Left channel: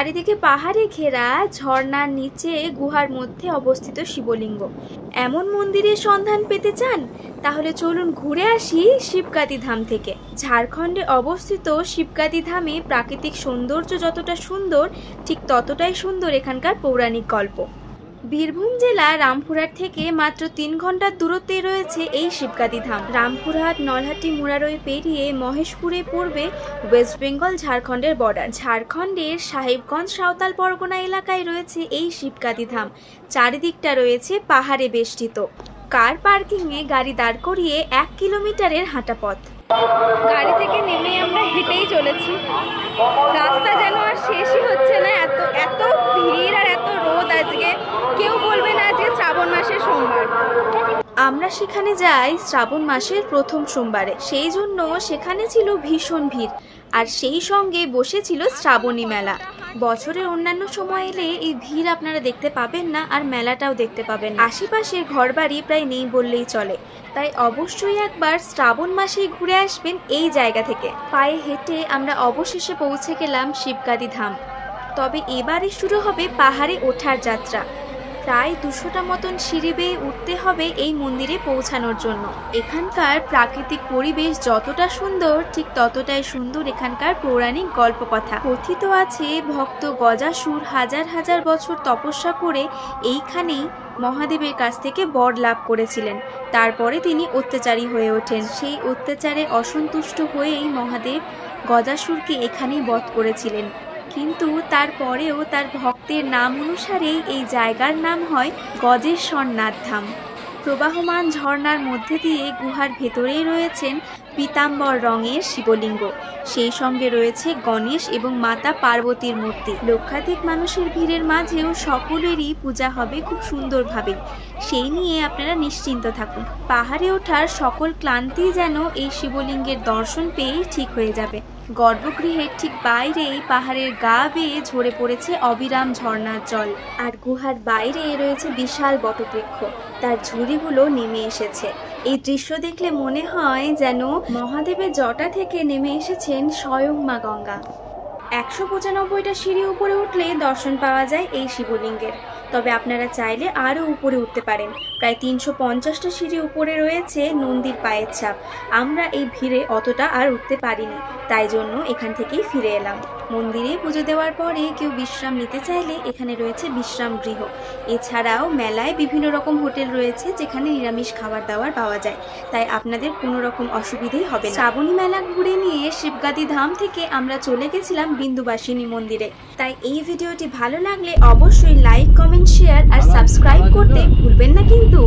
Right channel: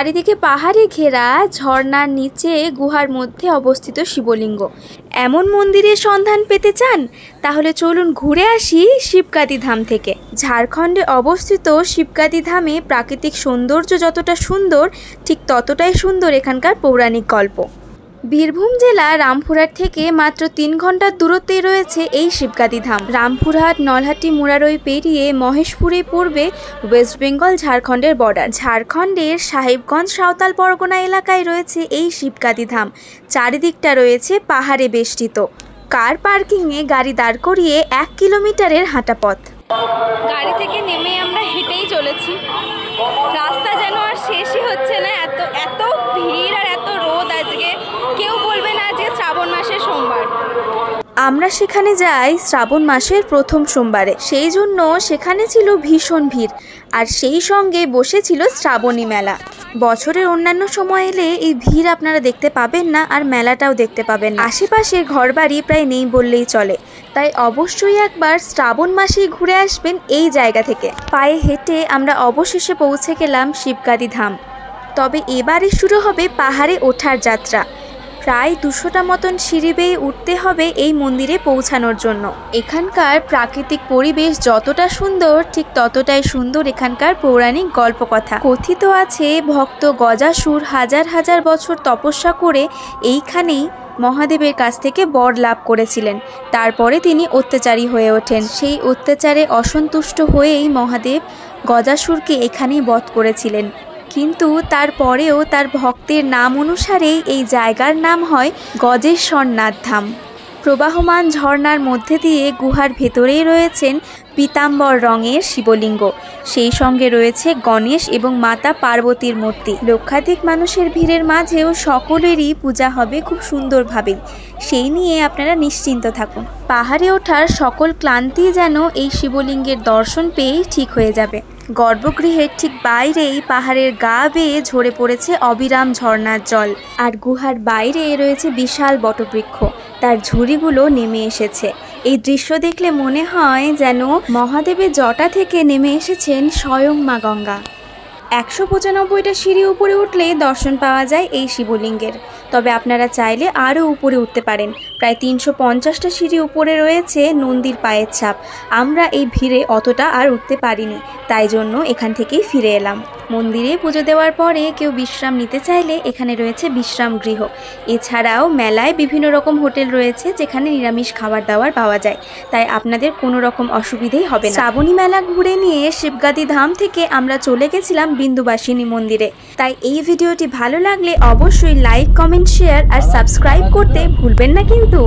চারিদিকে পাহাড়ে ঘেরা ঝর্ণার নিচে গুহার মধ্যে অবস্থিত শিবলিঙ্গ। এমন মন্দিরের সন্ধান পেতে চান? তাহলে চলুন ঘুরে আসি শিবকাদি ধাম থেকে। ঝাড়খণ্ডে অবস্থিত শিবকাদি ধামে প্রাকৃতিক সৌন্দর্য যতটা সুন্দর, ঠিক ততটাই সুন্দর এখানকার পৌরাণিক গল্প। বীরভূম জেলা রামপুরহাট থেকে মাত্র 3 ঘন্টার দূরত্বে রয়েছে এই শিবকাদি ধাম। রামপুরহাট, নলহাটি, মুরারই পেরিয়ে মহেশপুরে পড়বে ওয়েস্ট বেঙ্গল ঝাড়খণ্ডের বর্ডার। ঝাড়খণ্ডের সাহেবগঞ্জ সাঁওতাল পরগনা এলাকায় রয়েছে এই শিবকাদি ধাম। চারিদিকটা রয়েছে পাহাড়ে বেষ্টিত। কার পার্কিংয়ে গাড়ি দাঁড় করিয়ে 1 কিলোমিটারের হাঁটা পথ। গাড়ি থেকে নেমে আমরা হেঁটেই চলেছি। রাস্তা যেন আর শেষই হচ্ছে না, এত ভিড় আর এত রোদ। আজকে কেউ বলবে না যে শ্রাবণ মাসের সোমবার। আমরা সেখানে যাই শ্রাবণ মাসের প্রথম সোমবারে, সেই জন্য সেখানে ছিল ভীষণ ভিড়, আর সেই সঙ্গে বসেছিল শ্রাবণী মেলা। বছরের অন্যান্য সময় এলে এই ভিড় আপনারা দেখতে পাবেন না, আর মেলাটাও দেখতে পাবেন না। আশেপাশে ঘরবাড়ি প্রায় নেই বললেই চলে, তাই অবশ্যই একবার শ্রাবণ মাসেই ঘুরে আসবেন এই জায়গা থেকে। পায়ে হেঁটে আমরা অবশেষে পৌঁছে গেলাম শিবকাদি ধাম। তবে এবারে শুরু হবে পাহাড়ে ওঠার যাত্রা। প্রায় 200টা মতন সিঁড়ি বেয়ে উঠতে হবে এই মন্দিরে পৌঁছানোর জন্য। এখানকার প্রাকৃতিক পরিবেশ যতটা সুন্দর, ঠিক ততটাই সুন্দর এখানকার পৌরাণিক গল্পকথা। কথিত আছে ভক্ত গজাসুর হাজার হাজার বছর তপস্যা করে এইখানেই মহাদেবের কাছ থেকে বর লাভ করেছিলেন। তারপরে তিনি অত্যাচারী হয়ে ওঠেন। সেই অত্যাচারে অসন্তুষ্ট হয়েই মহাদেব গজাসুরকে এখানেই বধ করেছিলেন। কিন্তু তারপরেও তার ভক্তের নাম অনুসারেই এই জায়গার নাম হয় গজেশ্বরনাথ ধাম। প্রবাহমান ঝর্ণার মধ্যে দিয়ে গুহার ভেতরেই রয়েছেন পীতাম্বর রঙের শিবলিঙ্গ। সেই সঙ্গে রয়েছে গণেশ এবং মাতা পার্বতীর মূর্তি। লক্ষাধিক মানুষের ভিড়ের মাঝেও সকলেরই পূজা হবে খুব সুন্দরভাবেই, সেই নিয়ে আপনারা নিশ্চিন্ত থাকুন। পাহাড়ে ওঠার সকল ক্লান্তি যেন এই শিবলিঙ্গের দর্শন পেয়েই ঠিক হয়ে যাবে। গর্ভগৃহের ঠিক বাইরেই পাহাড়ের গা বেয়ে ঝরে পড়েছে অবিরাম ঝর্ণার জল, আর গুহার বাইরে রয়েছে বিশাল বটবৃক্ষ, তার ঝুড়িগুলো নেমে এসেছে। এই দৃশ্য দেখলে মনে হয় যেন মহাদেবের জটা থেকে নেমে এসেছেন স্বয়ং মা গঙ্গা। 195টা সিঁড়ি উপরে উঠলে দর্শন পাওয়া যায় এই শিবলিঙ্গের। তবে আপনারা চাইলে আরও উপরে উঠতে পারেন। প্রায় 350টা সিঁড়ি উপরে রয়েছে নন্দীর পায়ের ছাপ। আমরা এই ভিড়ে অতটা আর উঠতে পারিনি, তাই জন্য এখান থেকেই ফিরে এলাম। মন্দিরে পুজো দেওয়ার পরে কেউ বিশ্রাম নিতে চাইলে এখানে রয়েছে বিশ্রাম গৃহ। এছাড়াও মেলায় বিভিন্ন রকম হোটেল রয়েছে যেখানে নিরামিষ খাবার দাবার পাওয়া যায়, তাই আপনাদের কোনো রকম অসুবিধেই হবে না। শ্রাবণী মেলা ঘুরে নিয়ে শিবকাদি ধাম থেকে আমরা চলে গেছিলাম বিন্দুবাসিনী মন্দিরে। তাই এই ভিডিওটি ভালো লাগলে অবশ্যই লাইক, কমেন্ট, শেয়ার আর সাবস্ক্রাইব করতে ভুলবেন না কিন্তু।